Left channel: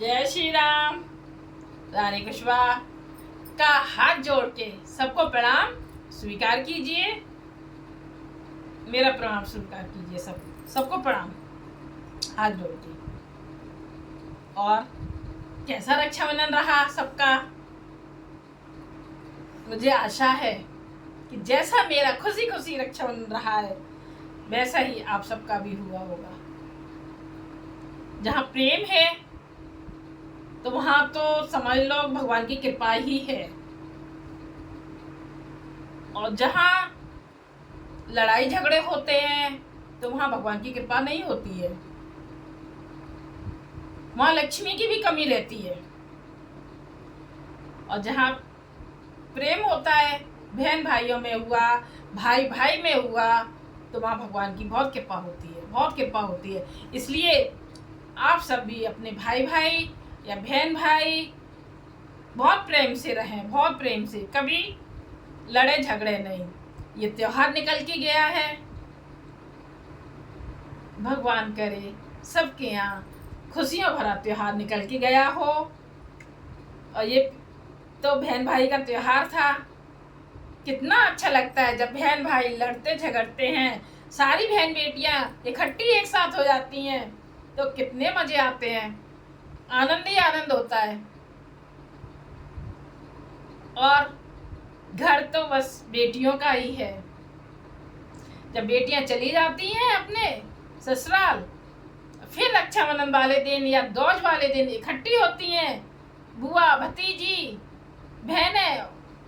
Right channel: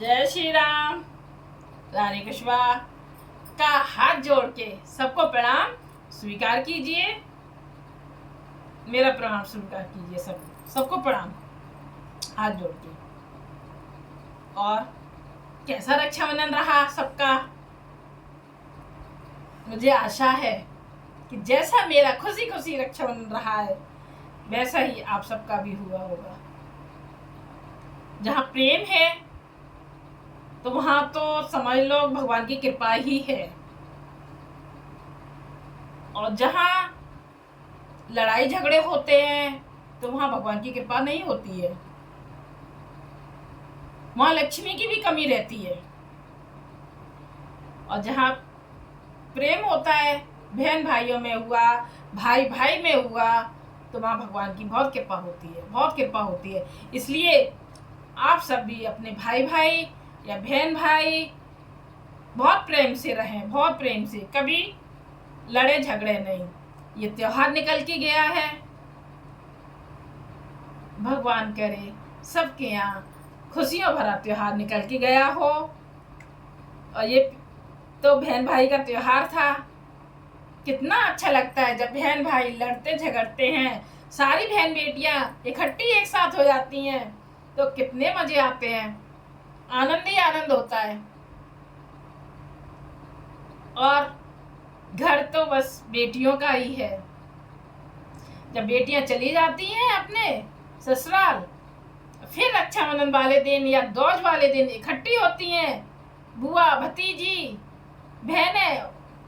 जय श्री राम। रानी कुशवाहा का हाथ जोड़ के सबको प्रणाम स्वीकार कीजिए। मेरा प्रणाम स्वीकार कीजिए। सबको प्रणाम हाथ जोड़ के। और कैसा रक्षाबंधन रहा सबका? मुझे आशा है कि जैसा मेरा खुशी खुशी रक्षाबंधन रहा है वैसा ही आप सबका भी हुआ होगा। जहाँ प्रेम है तो वहां तो समझ लो भगवान की कृपा ही है, और जहाँ लड़ाई झगड़े होते हैं तो वहां भगवान की कृपा नहीं होती है, वहां लक्ष्मी की भी कमी रहती है। और जहाँ प्रेम होता है, बहन भाइयों में हुआ, भाई भाई में हुआ, तो वहां भगवान की बहुत कृपा होती है, बहुत कृपा होती है। इसलिए आप सब भी अपने भाई भाई या बहन भाई बहुत प्रेम से रहें, बहुत प्रेम से, कभी लड़े झगड़े नहीं। ये त्योहार निकल के गया है, भगवान करे सबके यहाँ खुशियों भरा त्योहार निकल के गया हो। और ये तो बहन भाई का त्योहार था। कितना अच्छा लगता है जब बहन भाई लड़ते झगड़ते हैं, सारी बहन बेटियां इकट्ठी एक साथ हो जाती हैं तो कितने मजे आते हैं, आनंद ही आनंद होता है। और घर तो बस बेटियों का ही है। जब बेटियां चली जाती हैं अपने ससुराल, फिर रक्षाबंधन वाले दिन या दोज वाले दिन इकट्ठी होती हैं बुआ भतीजी बहनें,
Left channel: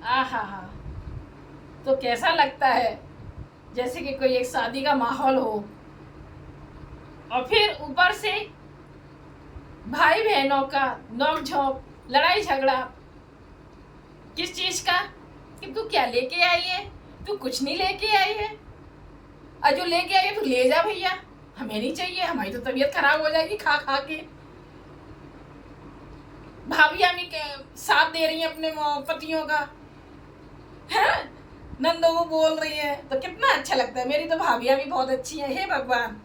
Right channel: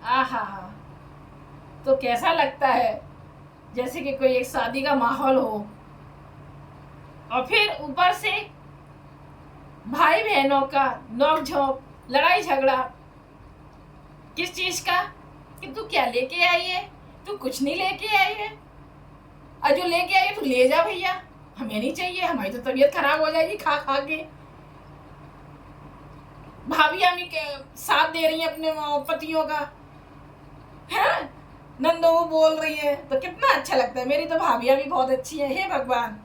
आहा हा, तो कैसा लगता है जैसे कि कोई एक शादी का माहौल हो। और फिर ऊपर से भाई बहनों का नोक झोंक, लड़ाई झगड़ा, किस चीज का? कि तू क्या लेके आई है, तू कुछ नहीं लेके आई है, और जो लेके आई है तू ले जा भैया, हमें नहीं चाहिए, हमारी तो तबीयत खराब हो जाएगी खा खा के। भाभी हमें साथ दे रही है अपने पतियों का, है नंदो को बोल रही है, तो कितना अच्छा लगता है। मेरी तो भाभियां भी बहुत अच्छी हैं। हे भगवान,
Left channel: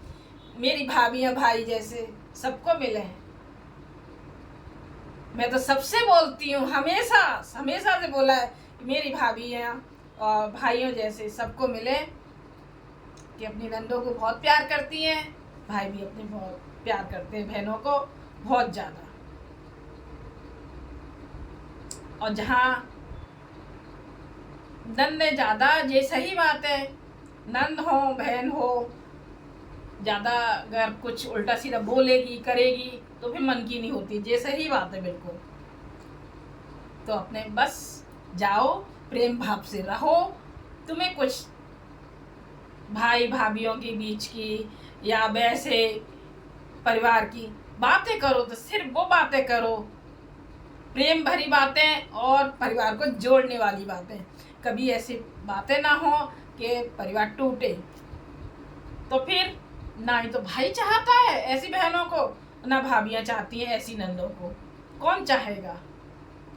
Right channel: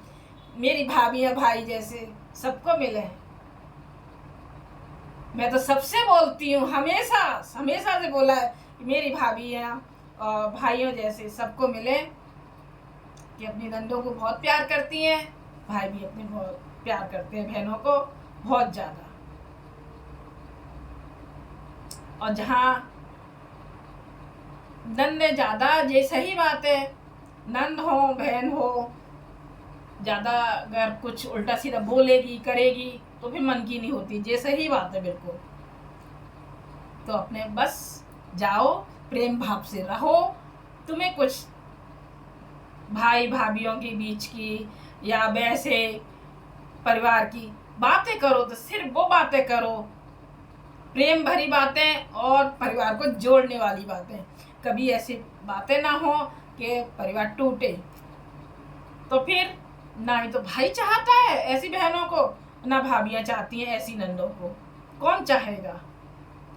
मेरी भाभियां भाई जैसे सबको मिले। मैं तो सबसे बोलती हूँ, हमेशा हमेशा से बोला है कि मेरी भाभियां और भाइयों जैसे सबको मिले, कि अपनी नंदों को बहुत प्यार करती हैं, भाई भी अपने बहुत प्यार करते हैं बहनों को बहुत ज़्यादा। और जहाँ नंदे ज़्यादा, ये सही बात है, नंद हो बहन हो ज़्यादा अगर कुछ उल्टा सीधा बोलेगी करेगी तो फिर मन की नहीं होती, ये सही बात है बिल्कुल। तो अपने बस जाओ, प्रेम भाव से रहो। तुम्हें कुछ भाई भाभीयों के बीच की या वैसे परिवार की बातें करो तो सिर्फ वो बातें करो, प्रेम भरी बातें और परिवार को जोड़ने वाली बातें। कभी ऐसी बातें ना हो कि परिवार टूटे। तो फिर ना ही तो भाई चाहता है ऐसी बहनों को, ना भाभियां चाहती हैं ऐसी नंदों को। कौन चाहेगा?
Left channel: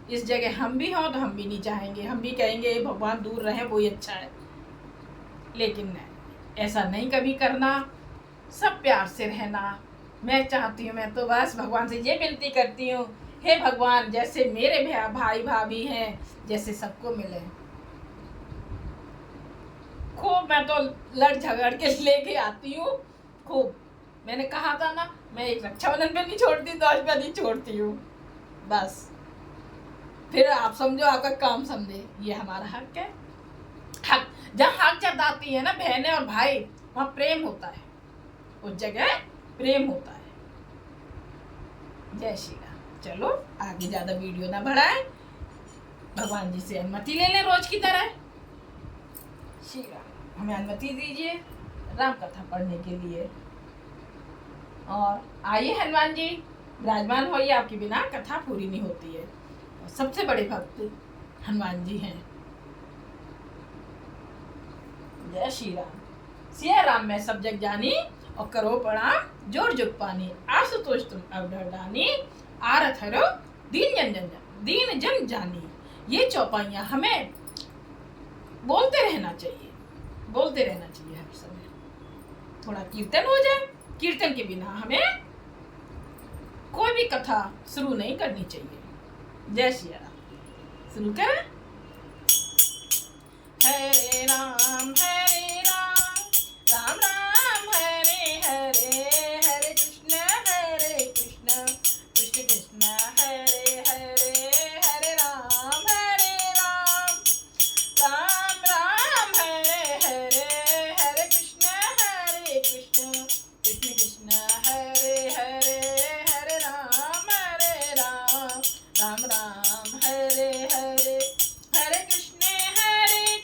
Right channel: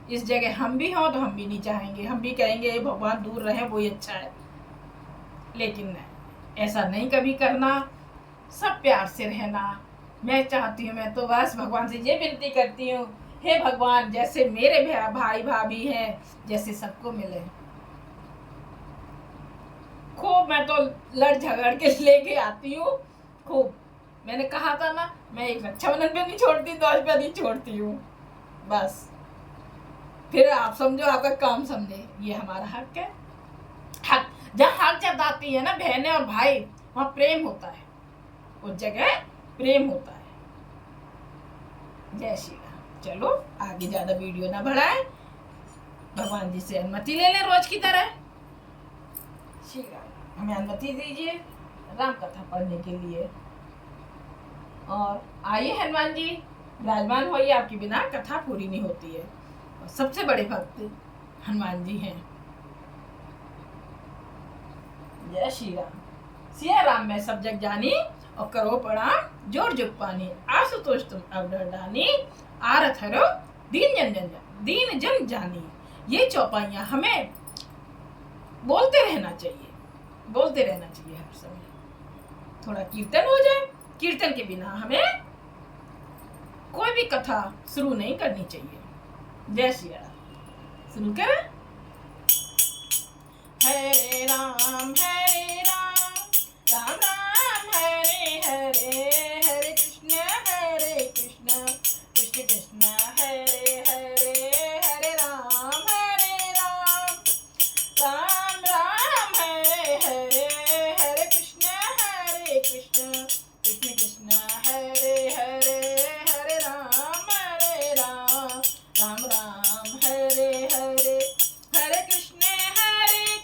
इस जगह हम भी हों तो हम भी नहीं चाहेंगे, हम भी कहेंगे भगवान दूर रहे वही अच्छा है। लेकिन ऐसा नहीं कभी करना, सब प्यार से रहना। मैं चाहती हूँ, मैं तो बस भगवान से ये विनती करती हूँ, हे भगवान जैसे मेरे भाई भाभी हैं जैसे सबको मिले। खूब मैं तो लड़ झगड़ के लेके आती हूँ खूब। मैंने कहा था ना, मैं एक रक्षाबंधन पे नहीं छोड़ती, दोष पे नहीं छोड़ती हूँ। बस फिर आप समझो, आपका काम समझे, ये हमारा हक है। हक जब हक जताती है ना बहनें और भाई, वहाँ प्रेम होता है, उस जगह प्रेम होता है। जय श्री राम। चलो आगे ज्यादा वीडियो ना बढ़ाए, भगवान जी से अनुमति ले ले रोज की तरह। श्री राम, हमें अनुमति दीजिए राम कथा पढ़ने के लिए। और आइए हनुमान जी विराजमान होइए, आपके बिना कथा पूरी नहीं होती है। और सबसे बड़े भक्त हनुमान जी हैं। जय श्री राम। सिया राम मैं सब जग जानी, और करो प्रणाम जोर जुग पानी। आशुतोष तुम अवडर दानी, आरत हरो दीन जन जानी। ये चौपाइयाँ हमें बोलते रहना चाहिए, बोलते रहना चाहिए हर समय। थोड़ा कीर्तन हो जाए, कीर्तन के बिना हमें कोई भी कथा शुरू नहीं करनी चाहिए। जय श्री राम। शुरू करें। हरे राम राम राम हरे हरे, हरे कृष्ण कृष्ण कृष्ण हरे हरे, हरे राम राम राम हरे हरे, हरे कृष्ण कृष्ण कृष्ण हरे हरे, हरे राम राम राम हरे हरे, हरे कृष्ण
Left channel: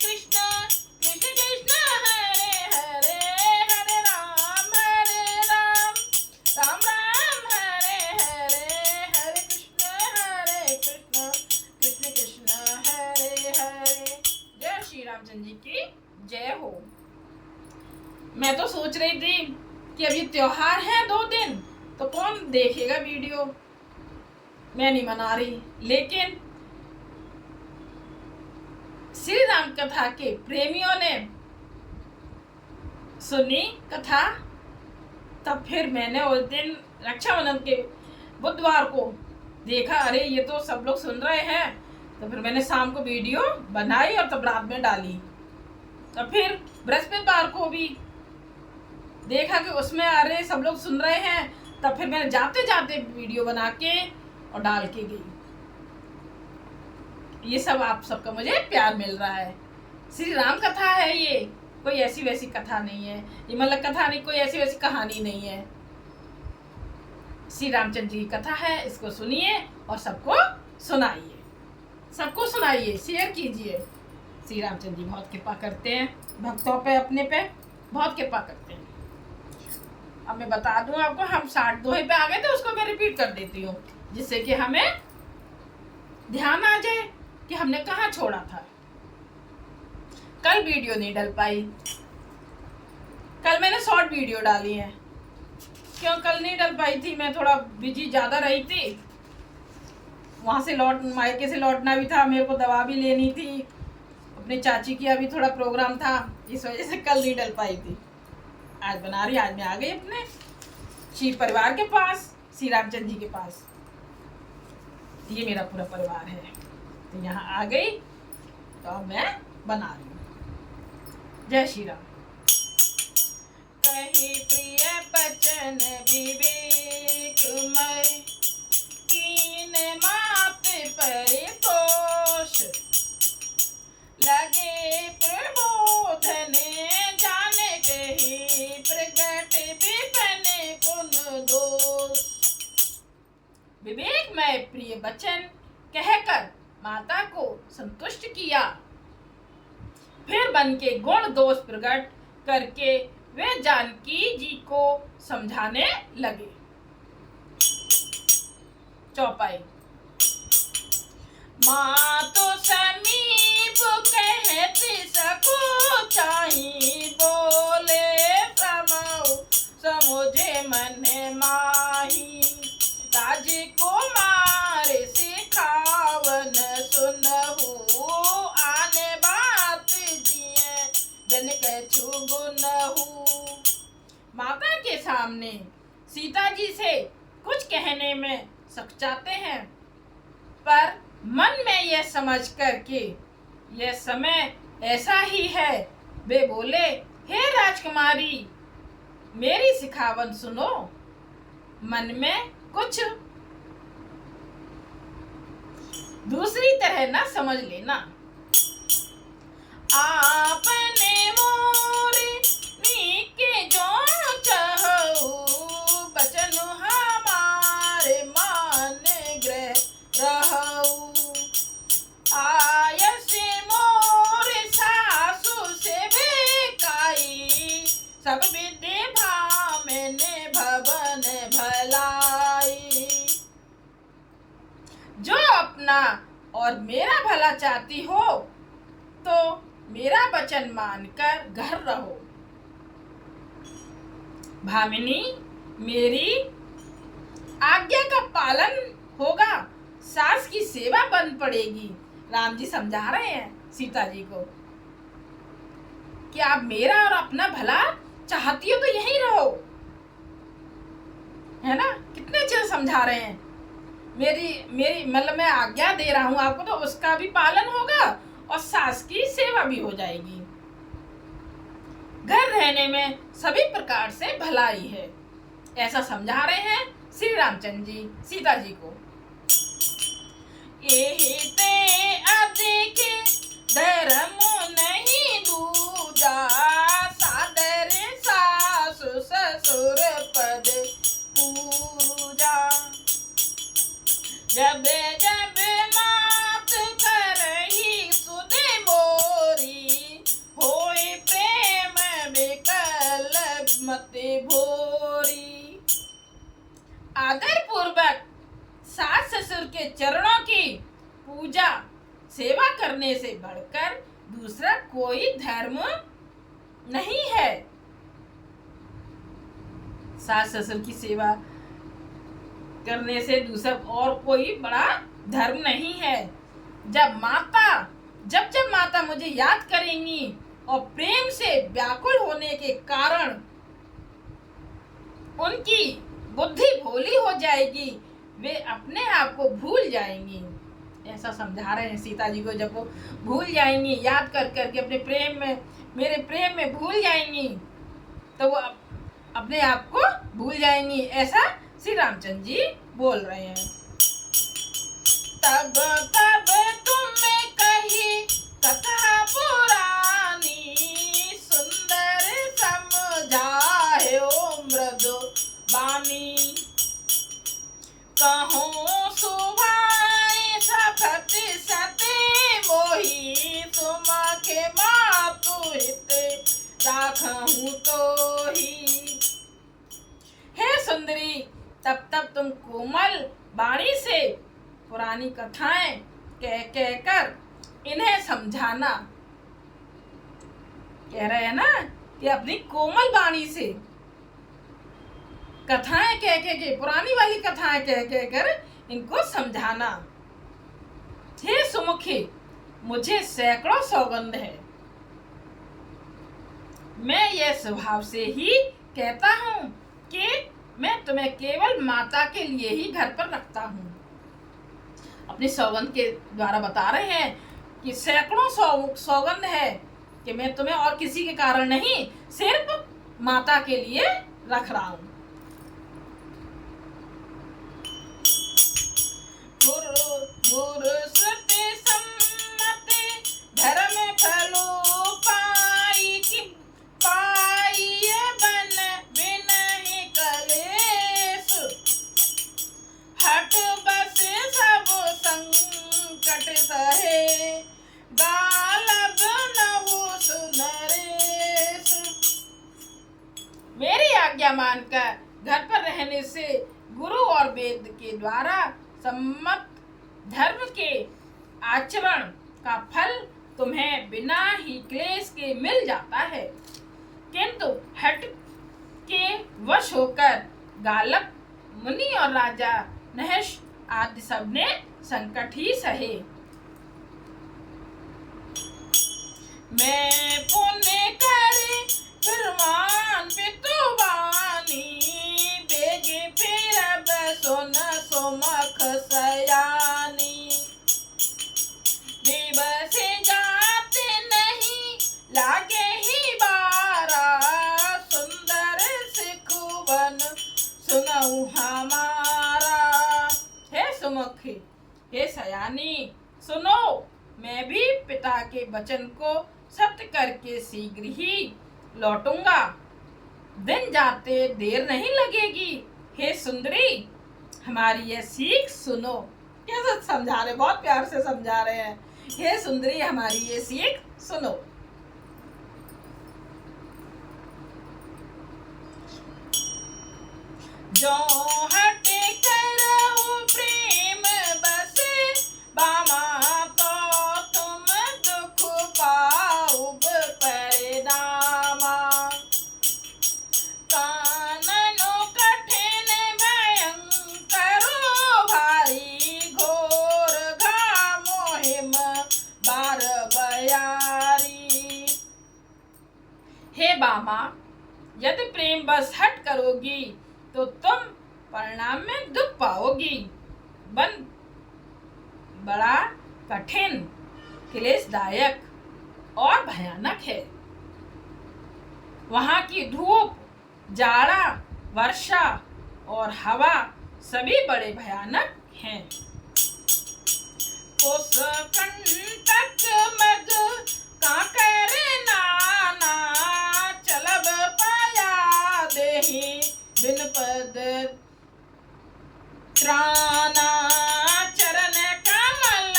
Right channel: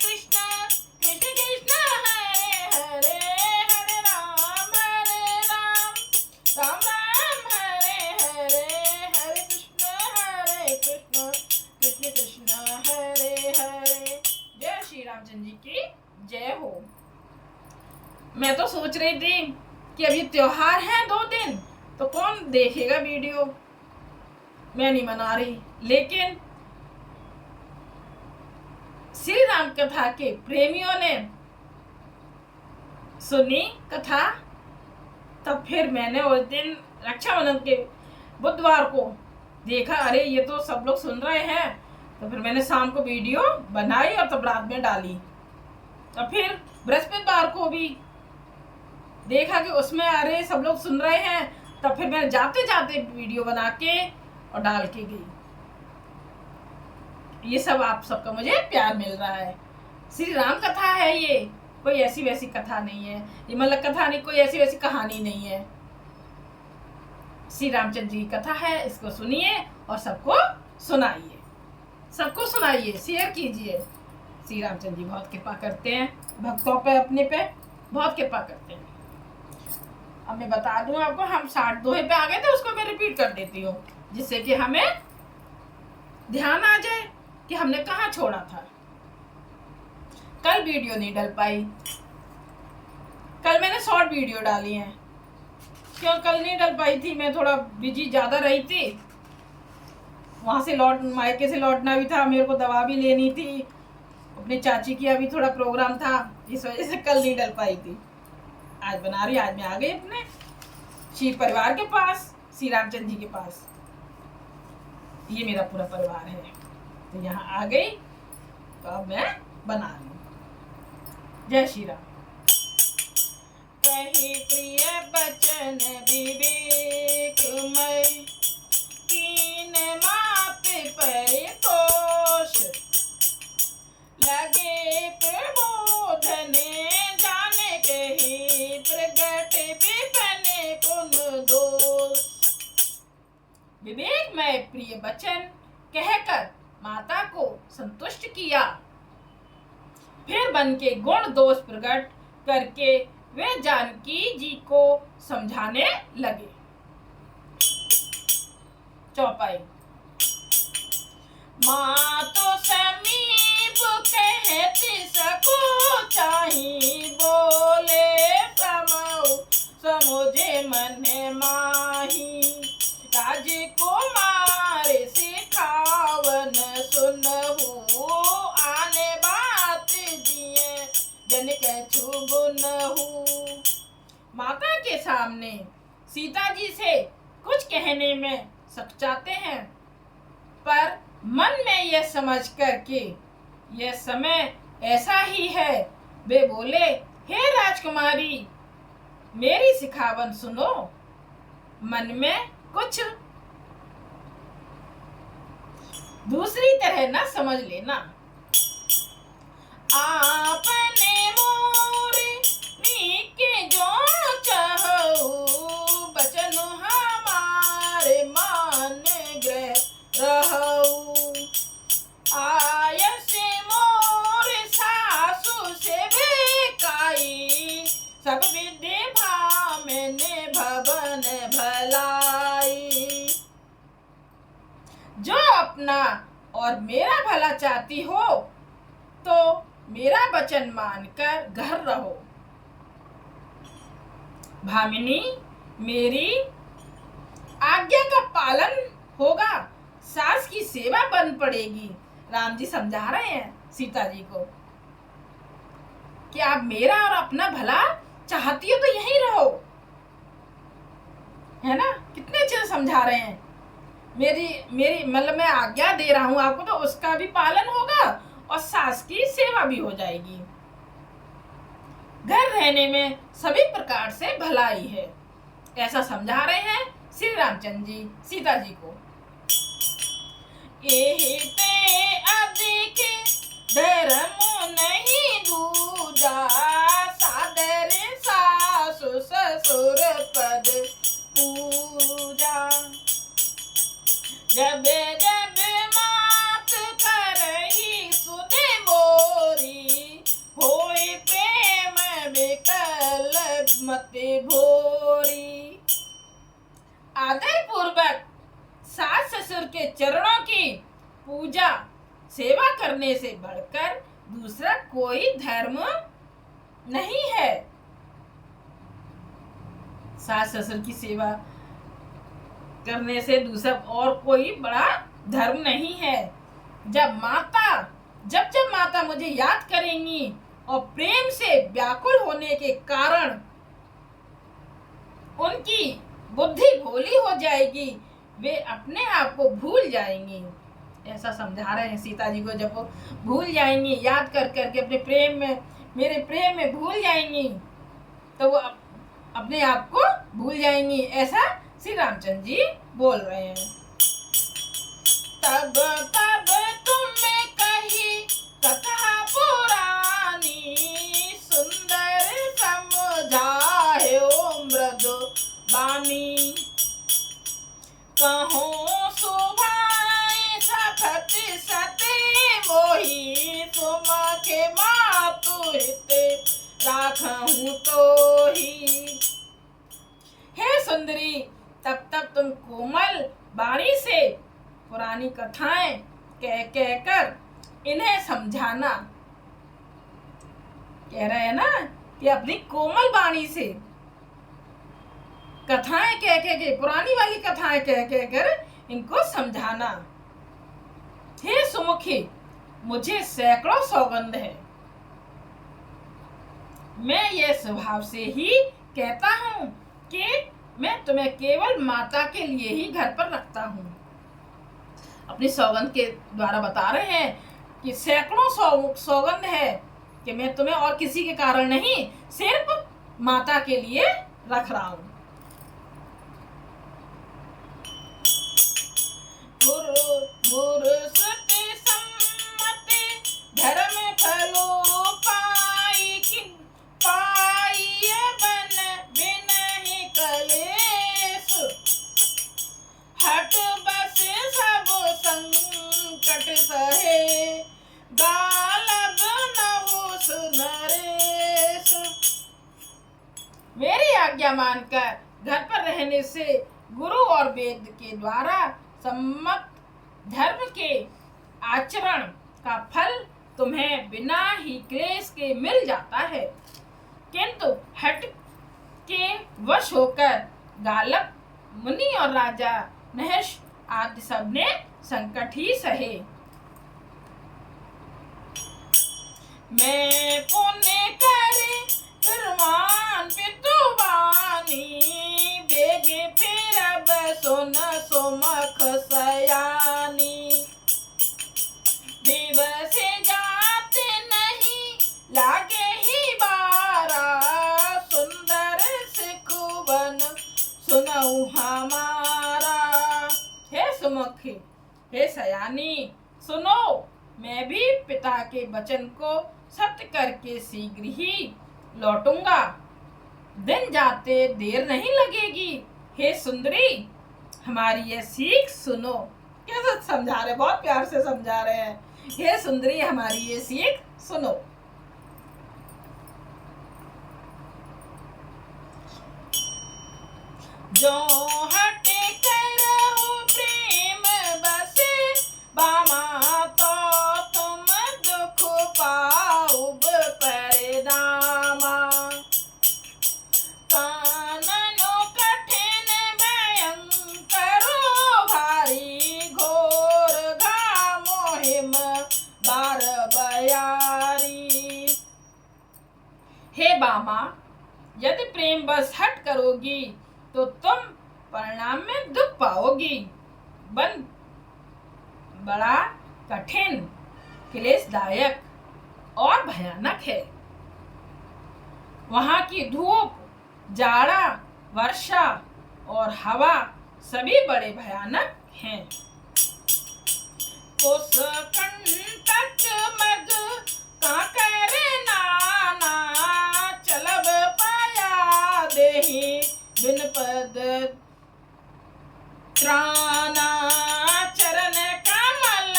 कृष्ण कृष्ण हरे हरे, हरे राम राम हरे हरे, हरे कृष्ण कृष्ण कृष्ण हरे हरे। जय श्री रामचंद्र जी की जय हो। मैं तो सोच रही थी कि अभी त्योहार है 2 दिन, तो कौन देखेगा वीडियो, मैं नहीं मना रही, लेकिन श्री राम कथा के प्रेमियों ने सुनी कथा, तब फिर मैंने उस दिन रक्षाबंधन के बुधवार को देखा, अरे ये तो सब लोग सुन रहे हैं, तो फिर मैंने शाम को वीडियो बनाई और तब रात में डाली। और फिर बृहस्पतिवार को भी देखा कि उसमें अरे सब लोग सुन रहे हैं, तब फिर मैं जाते जाते वीडियो बना के और डाल के गई। ये सब आप सबका मुझे प्यार मिल रहा है। श्री राम कथा है ये, कोई ऐसी वैसी कथा नहीं है, ये मतलब कथा नहीं, कोई ऐसी वैसी कहानी नहीं है। श्री रामचंद्र जी की कथा है, इसको सुनिए और सबको सुनाइए, सबको सुनाइए, शेयर कीजिए। श्री रामचंद्र जी बहुत कृपा करते हैं भक्तों पे, अपने पे बहुत कृपा करते हैं। अब मैं बता दूं आपको, हम 60 दोहे पे आ गए थे, उसको मैं रिपीट कर देती हूँ, जिससे कि हमें ध्यान आ जाए कि हमने कहाँ छोड़ा था। कल वीडियो नहीं डल पाई, कल मैंने शॉर्ट वीडियो डाली है। क्यों कल नहीं डल पाई थी? मैं थोड़ा बिजी ज़्यादा रही थी, वहाँ से मायके से लौटना भी था, मेरे को दवा भी लेनी थी, अपने चाची की अभी थोड़ा प्रोग्राम था, इस वजह से कल नहीं डल पाई थी। आज बना रही, आज मैं आ गई अपने शिव परिवार के पास, श्री रामचंद्र जी के पास। ये मेरा पूरा परिवार है, तो यहाँ आ गई, तो अब मैं बना रही हूँ। जय श्री राम। कही प्रिय बचन विवेकमय, कीन माप परितोष, लगे प्रबोधन जाने कही, प्रगट विपन पुन दोष। विवेकमय प्रिय वचन कहकर माता को संतुष्ट किया, फिर बन के गुण दोष प्रकट करके वे जानकी जी को समझाने लगे। चौपाई। माँ तो समीप कहती सकूं चाही, बोले प्रमो समुझे मन माही, राजकुमार सिखावन सुनहु, आने बात जिए जन कछु गुनहु। माता के सामने सीता जी से कुछ कहने में सकचाते हैं, पर मन में यह समझ कर के यह समय ऐसा ही है, वे बोले, हे राजकुमारी मेरी सिखावन सुनो, मन में कुछ दूसरी तरह ना समझ लेना। आपने मोर नीके जो चाहो, बचन हमारे मान ग्रह रहू, आयस मोर सासु से बेकाई, सब विधि भामने भवन भलाई। जो अपना और मेरा भला चाहती हो तो मेरा वचन मानकर घर रहो। भामिनी मेरी आज्ञा का पालन होगा, सास की सेवा बन पड़ेगी। राम जी समझा रहे हैं सीता जी को कि आप मेरा और अपना भला चाहती हो तो यहीं रहो, है ना, कितने अच्छे से समझा रहे हैं। मेरी मेरी मतलब मैं आज्ञा दे रहा हूँ आपको, तो उसका भी पालन होगा और सास की सेवा भी हो जाएगी। घर रहने में सभी प्रकार से भलाई है, ऐसा समझा रहे हैं श्री रामचंद्र जी सीता जी को। यही ते अधिक धर्म नहीं दूजा, सादर सासु ससुर पद पूजा। जब जब मात करही सुध मोरी, होए प्रेम विकल मति भोरी। आदर पूर्वक सास ससुर के चरणों की पूजा सेवा करने से बढ़कर दूसरा कोई धर्म नहीं है। सास ससुर की सेवा करने से दूसरा और कोई बड़ा धर्म नहीं है। जब माता मुझे याद करेंगी और प्रेम से व्याकुल होने के कारण उनकी बुद्धि भोली हो जाएगी, वे अपने आप को भूल जाएंगी। ऐसा समझा रहे हैं सीता जी को। जब वो भूल जाएंगी, याद कर करके अपने प्रेम में, मेरे प्रेम में भूल जाएंगी, तो वो अपने आप को भूल जाएंगी, ऐसा श्री रामचंद्र जी बोल रहे हैं। तब तब तुमने कही कथा पुरानी, सुंदर समझायो मृदु बानी। कहूँ सुभाए सफत सते मोही, सुमखे मातु हित राखहूँ तो ही। हे सुंदरी, तब तब तुम कोमल वाणी से पुरानी कथाएं कह कर इन्हें समझाना। कह रहे हैं ना कि अपनी कोमल वाणी से कथाएं कह के, पुरानी वाली कथाएं कह कर इनको समझाना। हे सुमुखी, मुझे सैकड़ों सौगंध है, मैं यह स्वभाव से ही कहता हूँ कि मैं तुम्हें केवल माता के लिए ही घर पर रखता हूँ। अपनी सौगंध के द्वारा बता रहे हैं कि सैकड़ों सौगंध है कि मैं तुम्हें और किसी के कारण नहीं, सिर्फ माता के लिए रख रहा हूँ। गुरु श्रुति सम्मति धर्म फलो पाई, बन बिनहि कलेश। हट बस सब संकट सहे, गालब नहुँ सुनरेश। मेरी आज्ञा मानकर घर पर रहने से गुरु और वेद के द्वारा सम्मत धर्म के आचरण का फल तुम्हें बिना ही क्लेश के मिल जाता है, किंतु हट के वश होकर गालब मुनि और राजा नहुष आदि सबने संकट ही सहे। मैं पुण्य करे फिरमान पितुवानी, बेगे फिरब सुन सुमख सयानी। दिवस जाते नहीं लागे ही बारा, सुंदर सिखुवन सुनऊ हमारा। हे सुमुखी, हे सयानी, सुनो, मैं भी पिता के वचन को सत्य करके शीघ्र ही लौटूंगा, दिन जाते देर नहीं लगेगी। हे सुंदरी, हमारी यह सीख सुनो। कैसे समझा रहे, बहुत प्यार से समझा रहे हैं। हे सुंदरी, हमारी ये सीख सुनो। जो हटे करहु प्रेम बसे, बामा तो तुम दुख पाउब परिणामा। काननो कठिन भयंकरो भारी, घोर घामो हिम बार बयारी। हे बामा, यदि प्रेम बस हट करोगी तो तुम परिणाम में दुख पाओगी। वन बड़ा कठिन, क्लेशदायक और भयानक है। वहाँ की धूप, जाड़ा, वर्षा और हवा सभी बड़े भयानक हैं। उस कंटक मग काकर नाना, चलब पाया देहि बिन पद त्राना। चरण कमल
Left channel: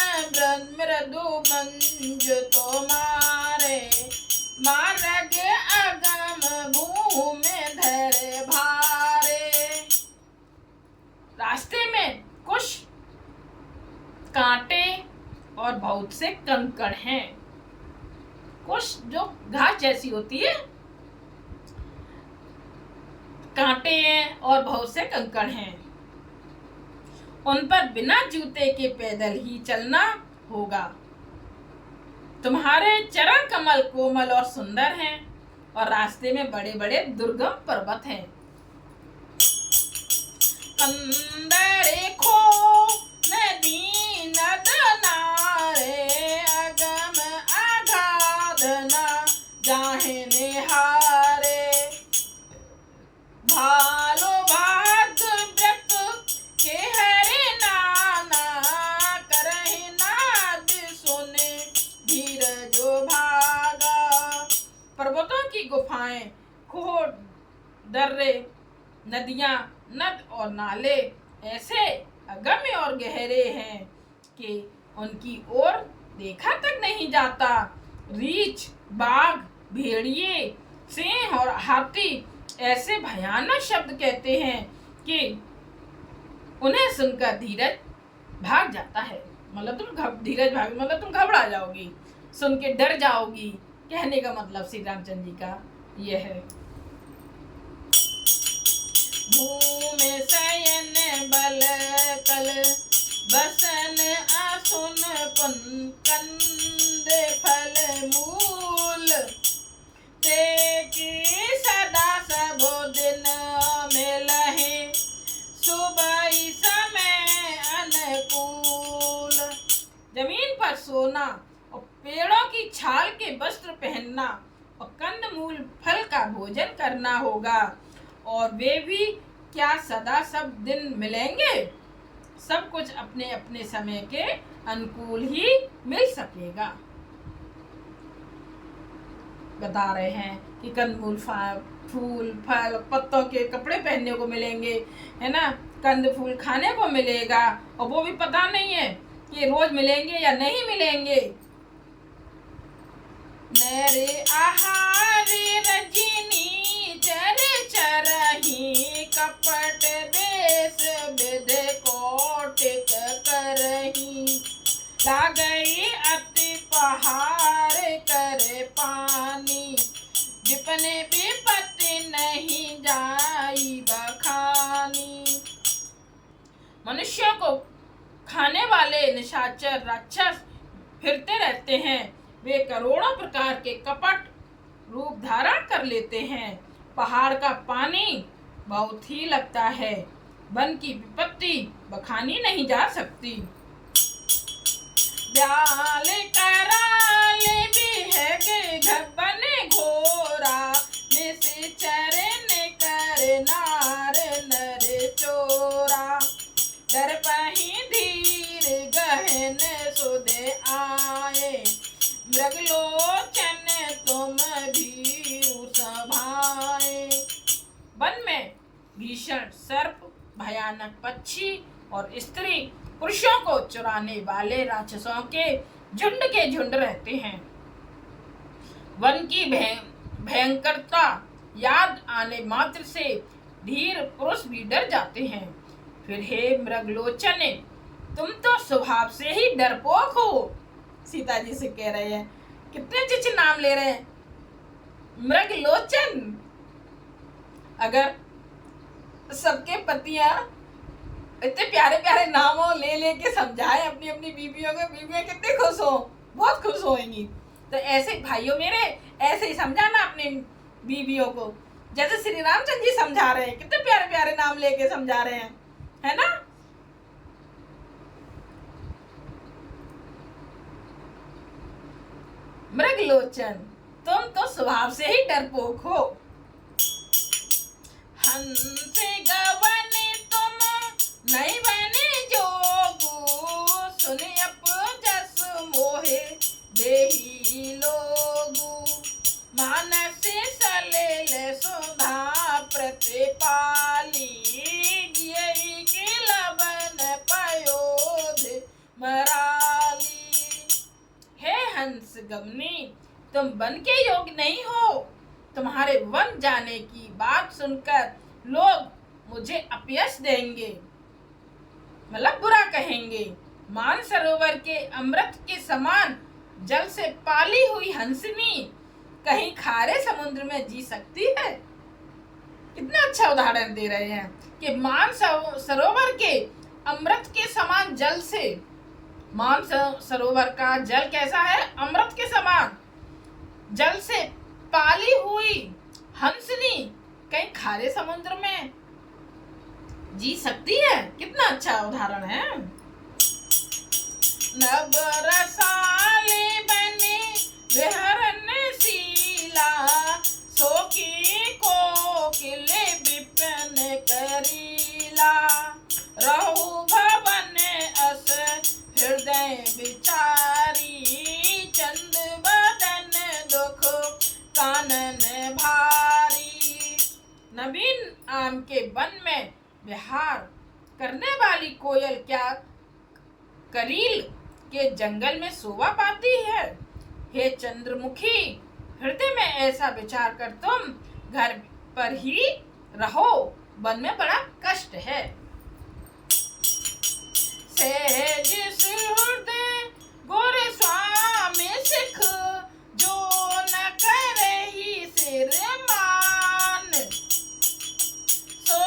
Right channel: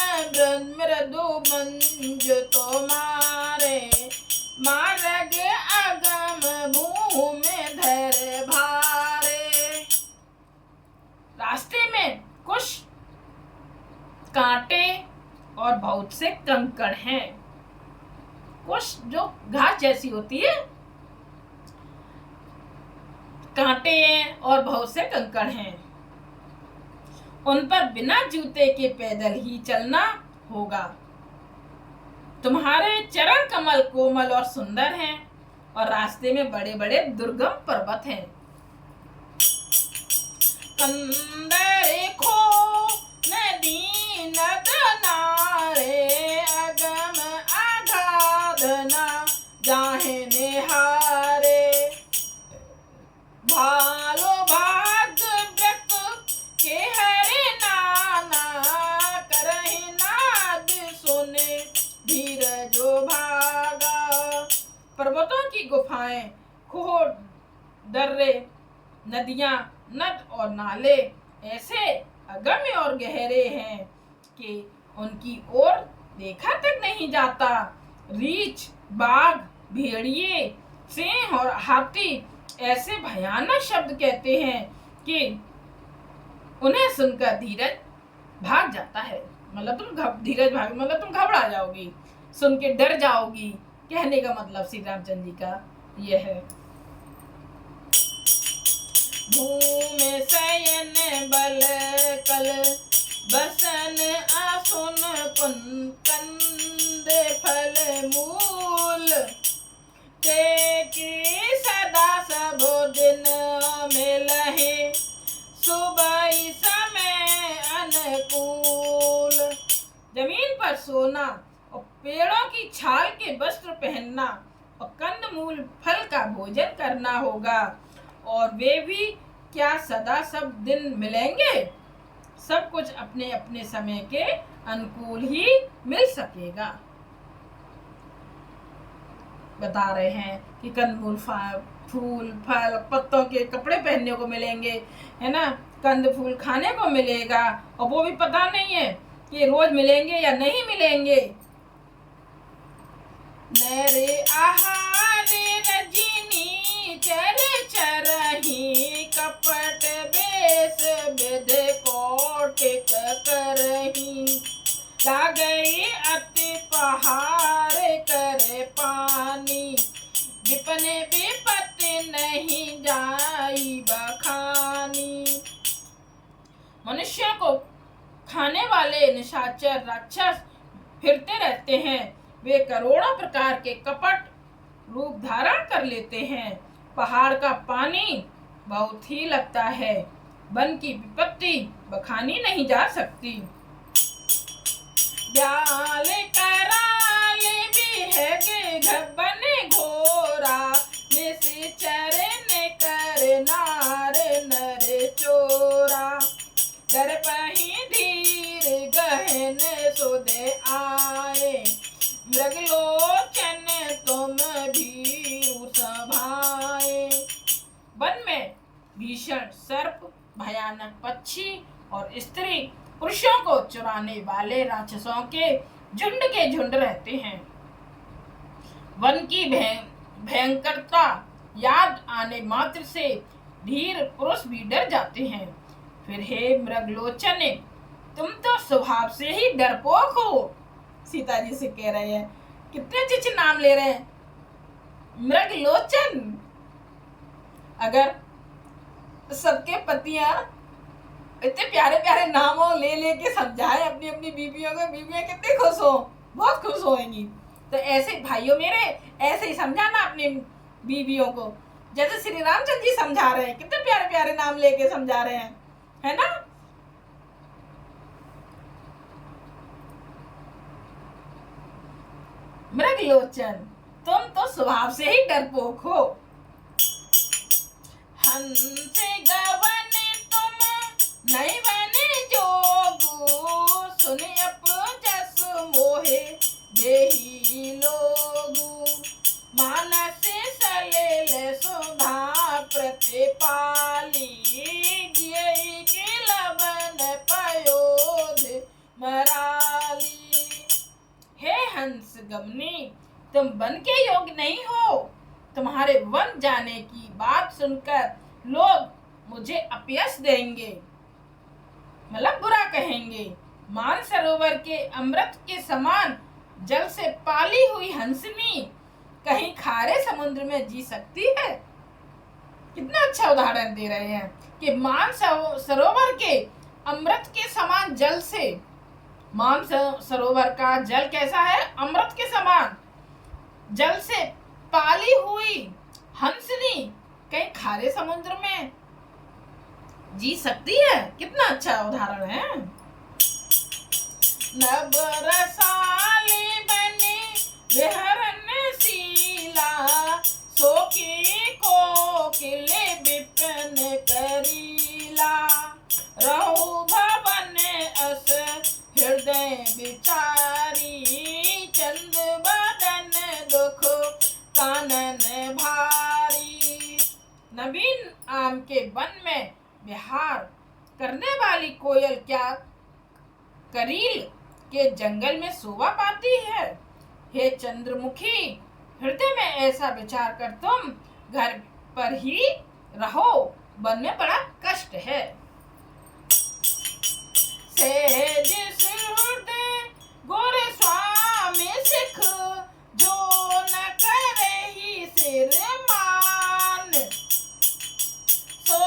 मृदु मंज तो मारे, मार्ग अगम भूमि धर भारे। रास्ते में कुछ कांटे और बहुत से कंकड़ हैं। कुछ जो घास जैसी होती है, कांटे हैं और बहुत से कंकड़ हैं। उन पर बिना जूते के पैदल ही चलना होगा। तुम्हारे चरण कमल कोमल और सुंदर हैं और रास्ते में बड़े बड़े दुर्गम पर्वत हैं। कंदरे खो नदी नद नारे, अगम अगाध न जाहे निहारे। भालो भाग व्रत के हरे नाना, करहि नाद सुने धीरजो भागा। पर्वतों की गुफाएं, खोह, दर्रे, नदियां, नद और नाले ऐसे अगम्य और गहरे हैं कि उनकी ओर देखा तक नहीं जाता। रीछ, बाघ, भेड़िए, सिंह और हाथी ऐसे भयानक शब्द कहते हैं कि उन्हें सुनकर धीरज भाग जाता है। मतलब तुम घबरा जाओगी, सुन के डर जाओगी। कहने का मतलब श्री रामचंद्र जी का यह है। भूमि शयन बल कल बसन आसुन पुन, कंद फल मूल ते की सदा सब दिन मिलहि, सुबह समय अनुकूल। जमीन पर सोना और पेड़ों की छाल के वस्त्र पहनना और कंदमूल फल का भोजन करना होगा। और वे भी क्या सदा सब दिन मिलेंगे? सब कुछ अपने अपने समय के अनुकूल ही मिल सकेगा। बता रहे हैं कि कंदमूल, फूल, फल, पत्तों के कपड़े पहनने को मिलेंगे, है ना। कंद फूल खाने को मिलेगा और वो भी पता नहीं है कि रोज मिलेंगे या नहीं मिलेंगे। मेरे आहारे रजनी चर चरही, कपट बेस विध कोटिक करही। लागई अति पहाड़ करे पानी, विपने विपत्ति नहीं जाई बखानी। मनुष्य को खाने वाले निशाचर राक्षस फिरते रहते हैं। वे करोड़ों प्रकार के कपट रूप धारण कर लेते हैं। पहाड़ का पानी बहुत ही लगता है। वन की विपत्ति बखानी नहीं जा सकती। ब्याल कराल बिहगे घबन घोरा, निश्चर ने कर नार नर चोरा। डर पही धीर गहन सुधे आए, मृगलोचन तुम भीरु सभाए। वन में भीषण सर्प, भयानक पक्षी और स्त्री पुरुषों को चुराने वाले राक्षसों के झुंड रहते हैं। वन की भयंकरता याद आने मात्र से धीर पुरुष भी डर जाते हैं। फिर हे मृगलोचन, तुम तो स्वभाव से ही डरपोक हो। सीता जी से कह रहे हैं, कितने अच्छे नाम ले रहे हैं। मृगलोचन। अगर सबके पतियां इतने प्यारे प्यारे नामों ले के समझाए अपनी अपनी बीवियों को, बीवियां कितनी खुश हो, बहुत खुश होंगी। तो ऐसे भाइयों मेरे, ऐसे ही समझाना अपनी बीवियों को। जैसे श्री रामचंद्र जी समझा रहे हैं, कितने प्यारे प्यारे नाम लेके समझा रहे हैं, है ना। मृगलोचन, तुम तो स्वभाव से ही डरपोक हो। हंस गवन तुम नहीं बने जोगू, सुने अपजस मोहे देही लोगू। मानस सलेल सुधा प्रतिपाली, जियई के लबन पयोध मराली। हे हंस गमनी, तुम वन के योग्य नहीं हो। तुम्हारे वन जाने की बात सुनकर लोग मुझे अपयश देंगे, मतलब बुरा कहेंगे। मान सरोवर के अमृत के समान जल से पाली हुई हंसनी कहीं खारे समुद्र में जी सकती है। कितना अच्छा उदाहरण दे रहे हैं कि मान सरोवर के अमृत के समान जल से, मान सरोवर का जल कैसा है, अमृत के समान जल से पाली हुई हंसनी कहीं खारे समुद्र में जी सकती है। कितना अच्छा उदाहरण है। नभ रसाले बने विहरन शीला, सोखी कोकिल विपिन करीला। रहु भवन अस हृदय विचारी, चंद बदन दुख कानन भारी। नवीन आम के वन में विहार करने वाली कोयल क्या करील के जंगल में शोभा पाती है। हे चंद्रमुखी, हृदय में ऐसा विचार कर तुम घर पर ही रहो, वन में बड़ा कष्ट है। सहज सुहृदय गोरे स्वामी सिख, जो न करे ही सिर मान। सो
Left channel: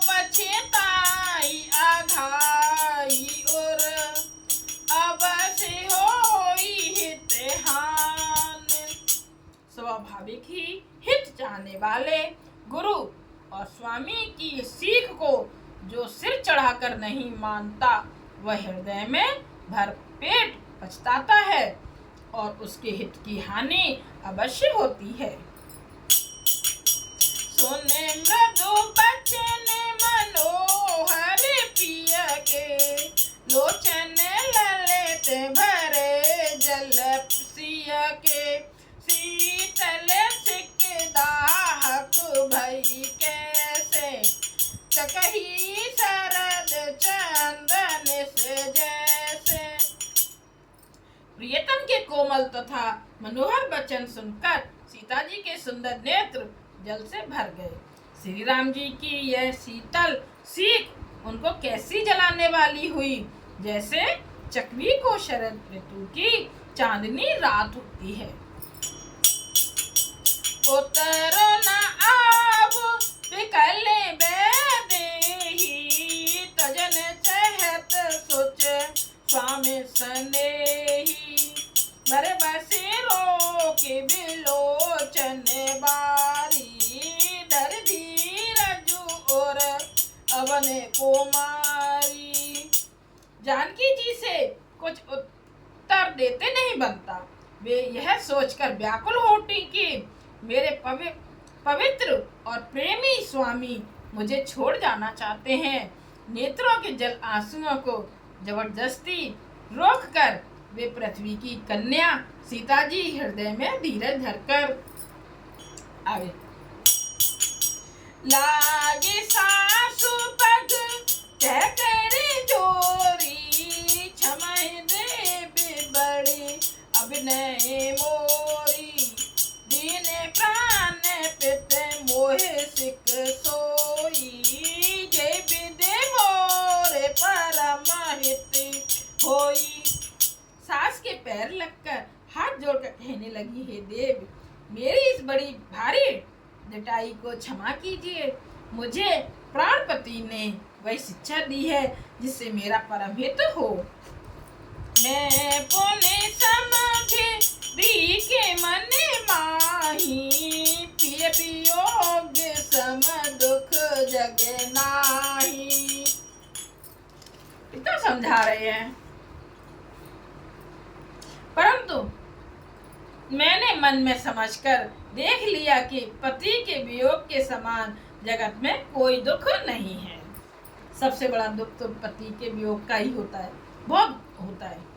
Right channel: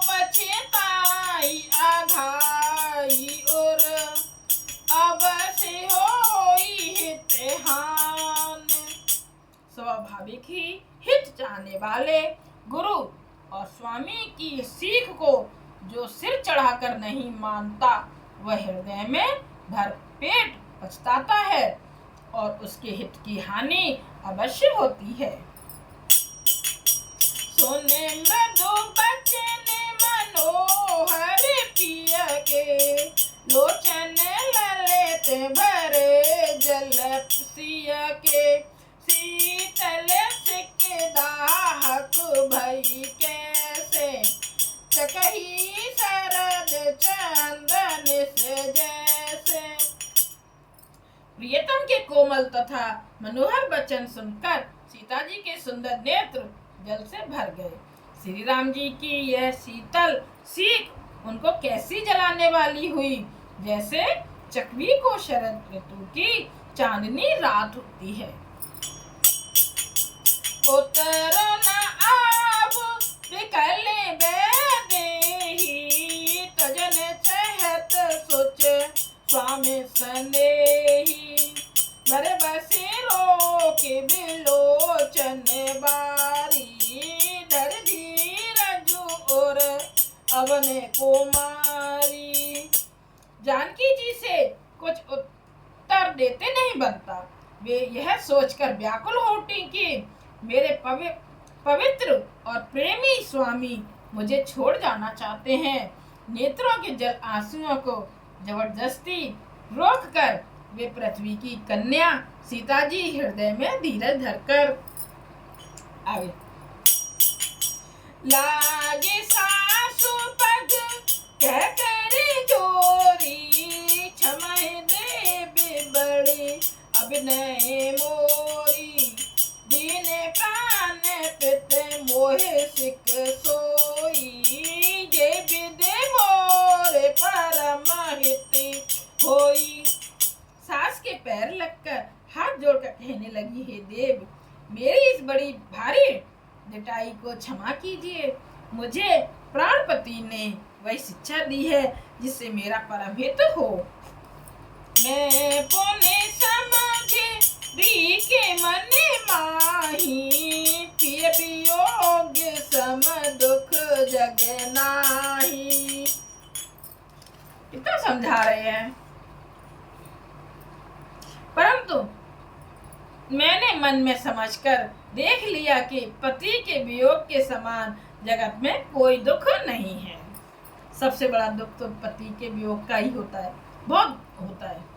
पछताई आघाई और अवश्य होई हित हान। स्वाभाविक ही हित चाहने वाले गुरु और स्वामी की सीख को जो सिर चढ़ाकर नहीं मानता, वह हृदय में भरपेट पछताता है और उसके हित की हानि अवश्य होती है। सुने मृदु बचन मनोहर पिय के, लोचन ललित भरे जल सिय के। शीतल सिक दाहक भई कैसे, चकही शरद चंदन से जैसे। प्रियतम के कोमल तथा मनोहर वचन सुनकर सीता जी के सुंदर नेत्र जल से भर गए। श्री राम जी की यह शीतल सीख उनको कैसी जलाने वाली हुई, जैसे चकवी को शरद ऋतु की चांदनी रात होती है। उतरो न आब विकल बेदेही, तजन चहत सोच स्वामी सनेही। भर बसे रोके बिलोचन बारी, धर धीरज और अवने को मारी। जानकी जी से कुछ उत्तर देते नहीं बनता। वे यह सोचकर व्याकुल हो उठी कि मेरे पवित्र और प्रेमी स्वामी मुझे छोड़ जाना चाहते हैं। नेत्रों के जल आंसुओं को जबरदस्ती रोककर वे पृथ्वी की कन्या सीता जी हृदय में धीरज धरकर आगे। लागे सासु पग कह कर जोरी, क्षमय दे बड़े अभिनय मोरी। दीन प्राण पित मोहे सिक सोई, जय विदे मोरे परम हित होई। सास के पैर लगकर हाथ जोड़कर कहने लगी, हे देव, मेरी इस बड़ी भारी जटाई को क्षमा कीजिए। मुझे प्राणपति ने वही शिक्षा दी है जिससे मेरा परम हित हो। मैं पुण्य समझे दी के मन माही, पिय वियोग सम दुख जग नाही। इतना समझा रहे हैं, परंतु मैंने मन में समझकर देख लिया कि पति के वियोग के समान जगत में कोई दुख नहीं है। सबसे बड़ा दुख तो पति के वियोग का ही होता है, बहुत होता है।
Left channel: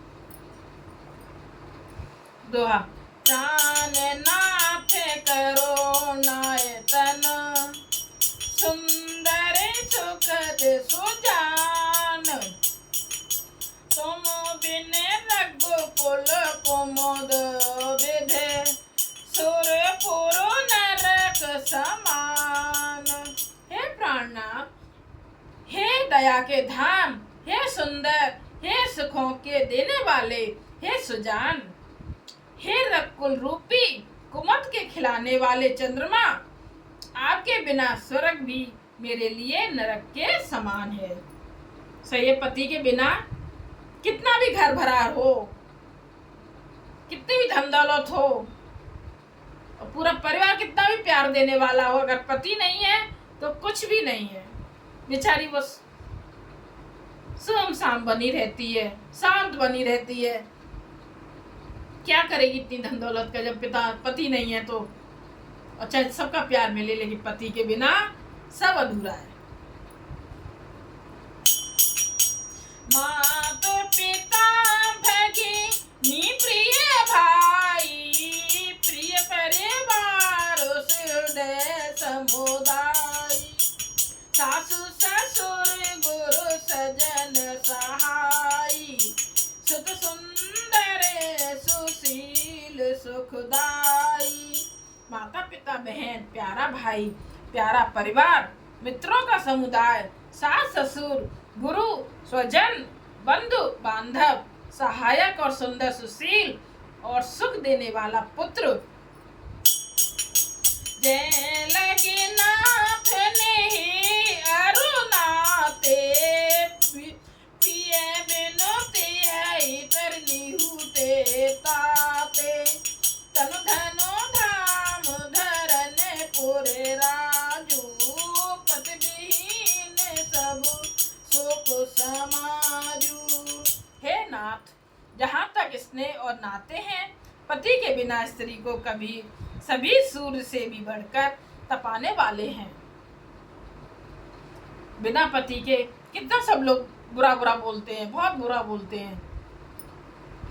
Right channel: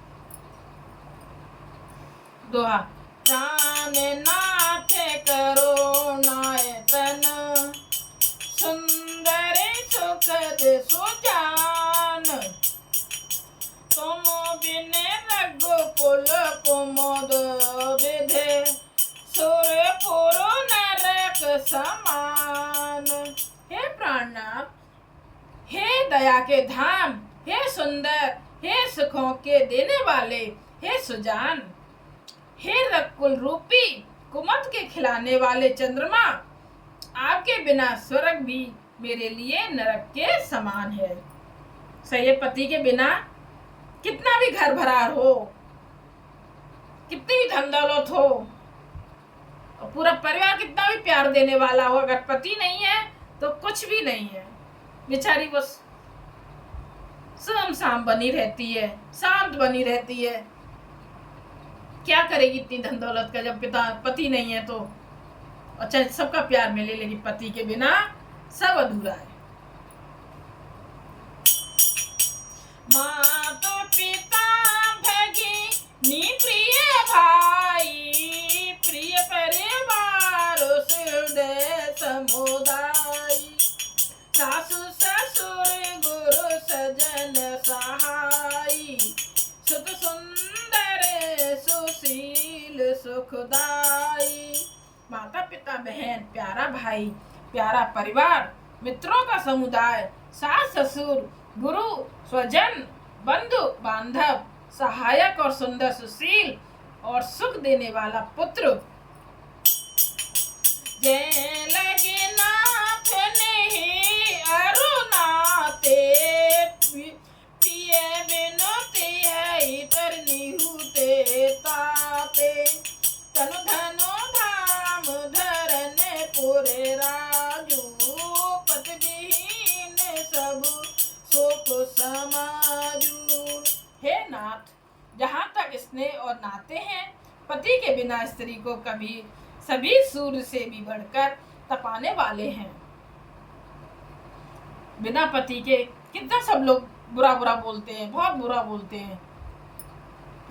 दोहा, प्राण नाथ करो नायतन, सुंदर सुखद सुजान, तुम बिन रघुकुल कुमुद विधे, सुरपुर नरक समान। हे प्राणनाथ, हे दया के धाम, हे सुंदर, हे सुखों के देने वाले, हे सुजान, हे रघुकुल रूपी कुमुद के खिलाने वाले चंद्रमा, आपके बिना स्वर्ग भी मेरे लिए नरक के समान है। सही है, पति के बिना कितना भी घर भरा हो, कितनी भी धन दौलत हो, और पूरा परिवार कितना भी प्यार देने वाला हो, अगर पति नहीं है तो कुछ भी नहीं है। बेचारी बस सुमसाम बनी रहती है, शांत बनी रहती है। क्या करेगी इतनी धन दौलत का जब पति नहीं है तो? अच्छा, सबका प्यार मिले, लेकिन पति के बिना सब अधूरा है। माता पिता भगिनी प्रिय भाई, प्रिय परिवार हृदय समुदाय, सासु ससुर गुरु सजन सहाय, सुख सुंदर सुशील सुखदाई। माता पिता बहन, प्यारा भाई, प्यारा परिवार, मित्रों का समुदाय, सास ससुर गुरु स्वजन बंधु बांधव, सहायक और सुंदर सुशील और सुख देने वाला पुत्र, जय लगे नाथ नहीं अरुणाते, पिए बिनु तिहै तरनिहुते ताते, तनु धनु धाम धरन पुरे राजू, पति विहीन सब सुख समाजू। हे नाथ, जहाँ तक स्नेह और नाते हैं, पति के बिना स्त्री को कभी सभी सूर्य से भी बढ़कर तपाने वाले हैं। बिना पति के कितना सब लोग बुरा बुरा बोलते हैं, बहुत बुरा बोलते हैं।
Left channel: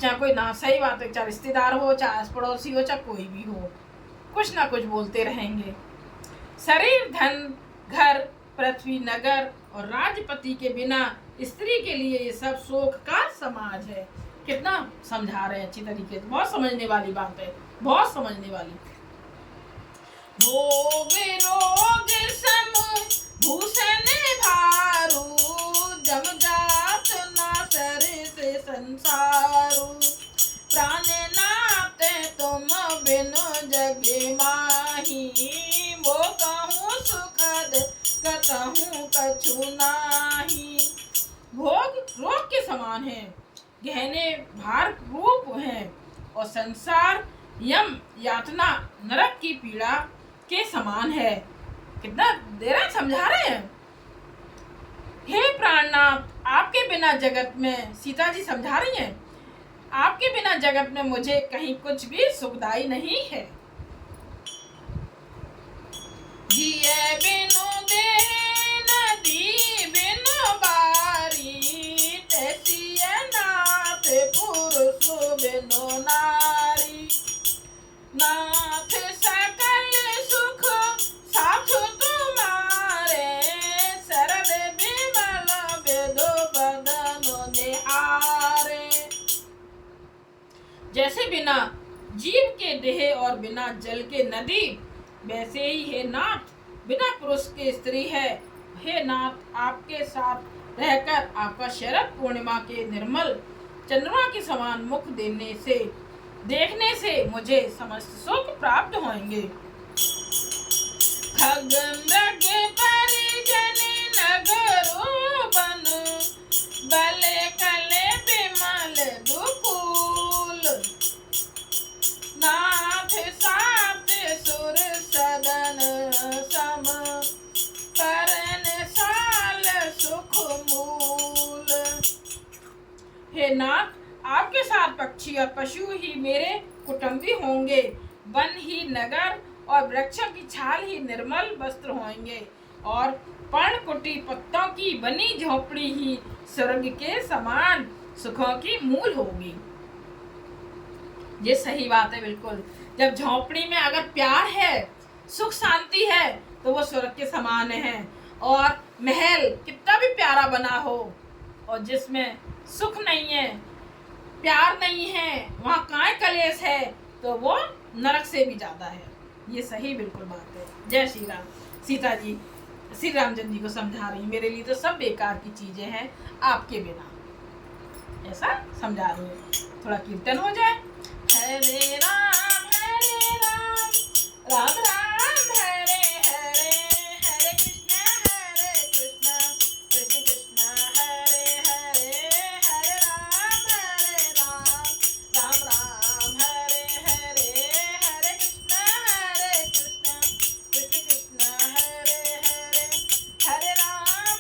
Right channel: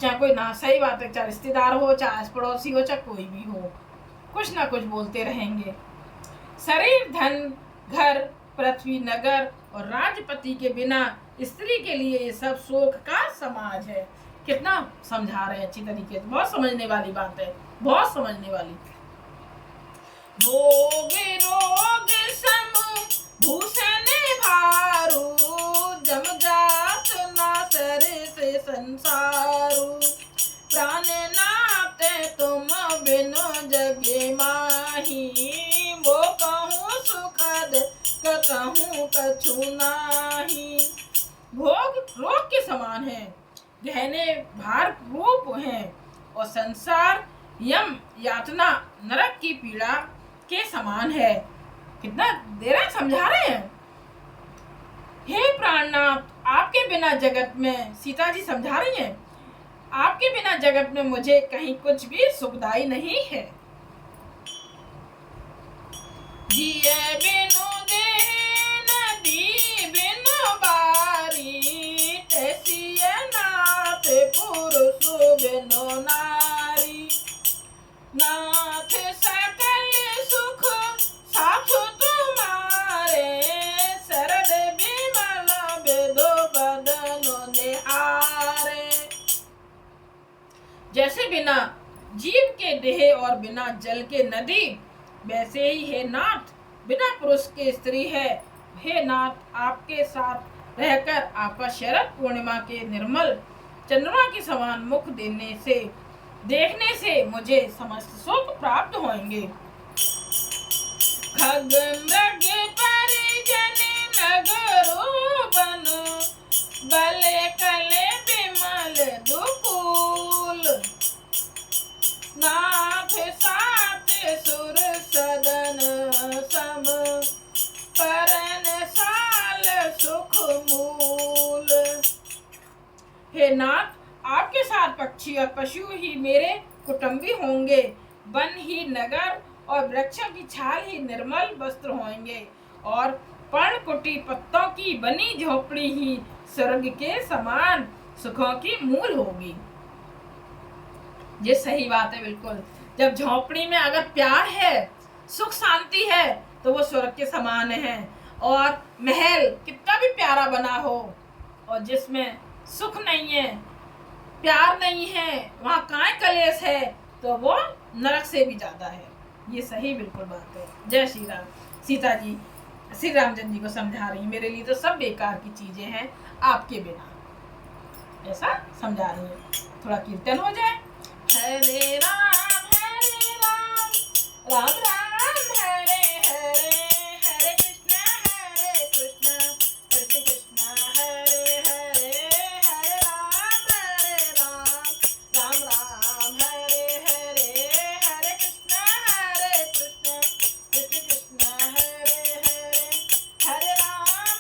चाहे कोई ना, सही बात है, चाहे रिश्तेदार हो, चाहे पड़ोसी हो, चाहे कोई भी हो, कुछ ना कुछ बोलते रहेंगे। शरीर धन घर पृथ्वी नगर और राजपति के बिना स्त्री के लिए ये सब शोक का समाज है। कितना समझा रहे हैं अच्छी तरीके से, बहुत समझने वाली बात है, बहुत समझने वाली। भोग रोग सम भूषण भारू, जम जात ना सर से संसारू, प्राण नाथ तुम बिनु जग माही, वो कहूँ सुखद कहूँ कछु नाही। भोग रोग के समान है, गहने भार रूप है, और संसार यम यातना नरक की पीड़ा के समान है। कितना देर समझा रहे हैं। हे प्राणनाथ, आपके बिना जगत में, सीता जी समझा रही हैं, आपके बिना जगत में मुझे कहीं कुछ भी सुखदाई नहीं है। जिए बिनु देह नदी बिनु बारी, तैसिय नाथ पुरुष बिनु नारी, नाथ सकल सुख साथ तुम्हारे, शरद विमल विधु बदन निहारे। जैसे बिना जीव के देह और बिना जल के नदी, वैसे ही हे नाथ बिना पुरुष के स्त्री है। हे नाथ, आपके साथ रहकर आपका शरद पूर्णिमा के निर्मल चंद्रमा के समान मुख देखने से मुझे समस्त सुख प्राप्त होंगे। खग मृग परिजन नगरो बन, बले कले विमल दुकूल, नाथ सात सुर सदन सम, हे नाथ, आपके साथ पक्षी और पशु ही मेरे कुटुंबी होंगे। वन ही नगर और वृक्षों की छाल ही निर्मल वस्त्र होंगे और पर्णकुटी पत्तों की बनी झोपड़ी ही स्वर्ग के समान सुखों की मूल होगी। ये सही बात है बिल्कुल। जब झोपड़ी में अगर प्यार है, सुख शांति है, तो वो स्वर्ग के समान है। और महल कितना भी प्यारा बना हो और जिसमें सुख नहीं है, प्यार नहीं है, वहाँ काय कलेश है, तो वो नरक से भी ज्यादा है। ये सही बिल्कुल बात है। जय श्री राम। सीता जी श्री रामचंद्र जी को समझा रही, मेरे लिए तो सब बेकार की चीजें हैं आपके बिना, ऐसा समझा रही है। थोड़ा कीर्तन हो जाए। हरे राम राम राम हरे हरे, हरे कृष्ण कृष्ण कृष्ण हरे हरे, हरे राम राम राम हरे हरे, हरे कृष्ण कृष्ण कृष्ण हरे हरे, हरे राम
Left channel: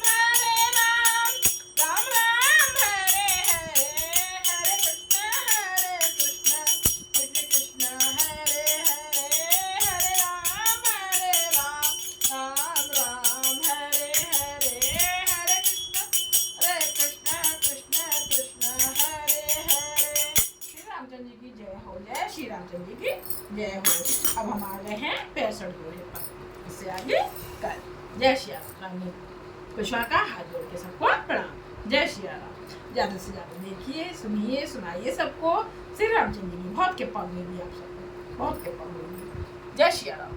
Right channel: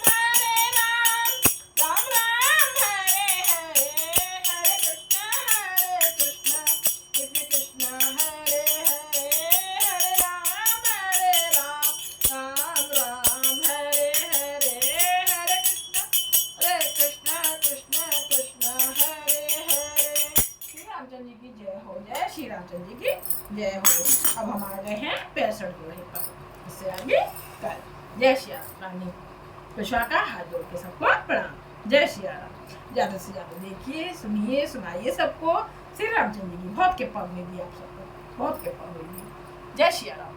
राम हरे हरे, हरे कृष्ण कृष्ण कृष्ण हरे हरे, हरे राम राम हरे हरे, हरे कृष्ण कृष्ण कृष्ण हरे हरे। श्री रामचंद्र जी की जय हो। जय श्री रामचंद्र जी की जय हो। अब हम आ गए हैं 65 दोहे पर, इससे आगे कल। जय श्री राम। कृष्णा का हाथ जोड़ के सबको प्रणाम। जय श्री राम। ज्यादा से ज्यादा देखिए, सुनिए, सुनाइए सबको। श्री रामचंद्र जी बहुत कृपा मिली आप सबको, बहुत कृपा मिली। जय श्री राम।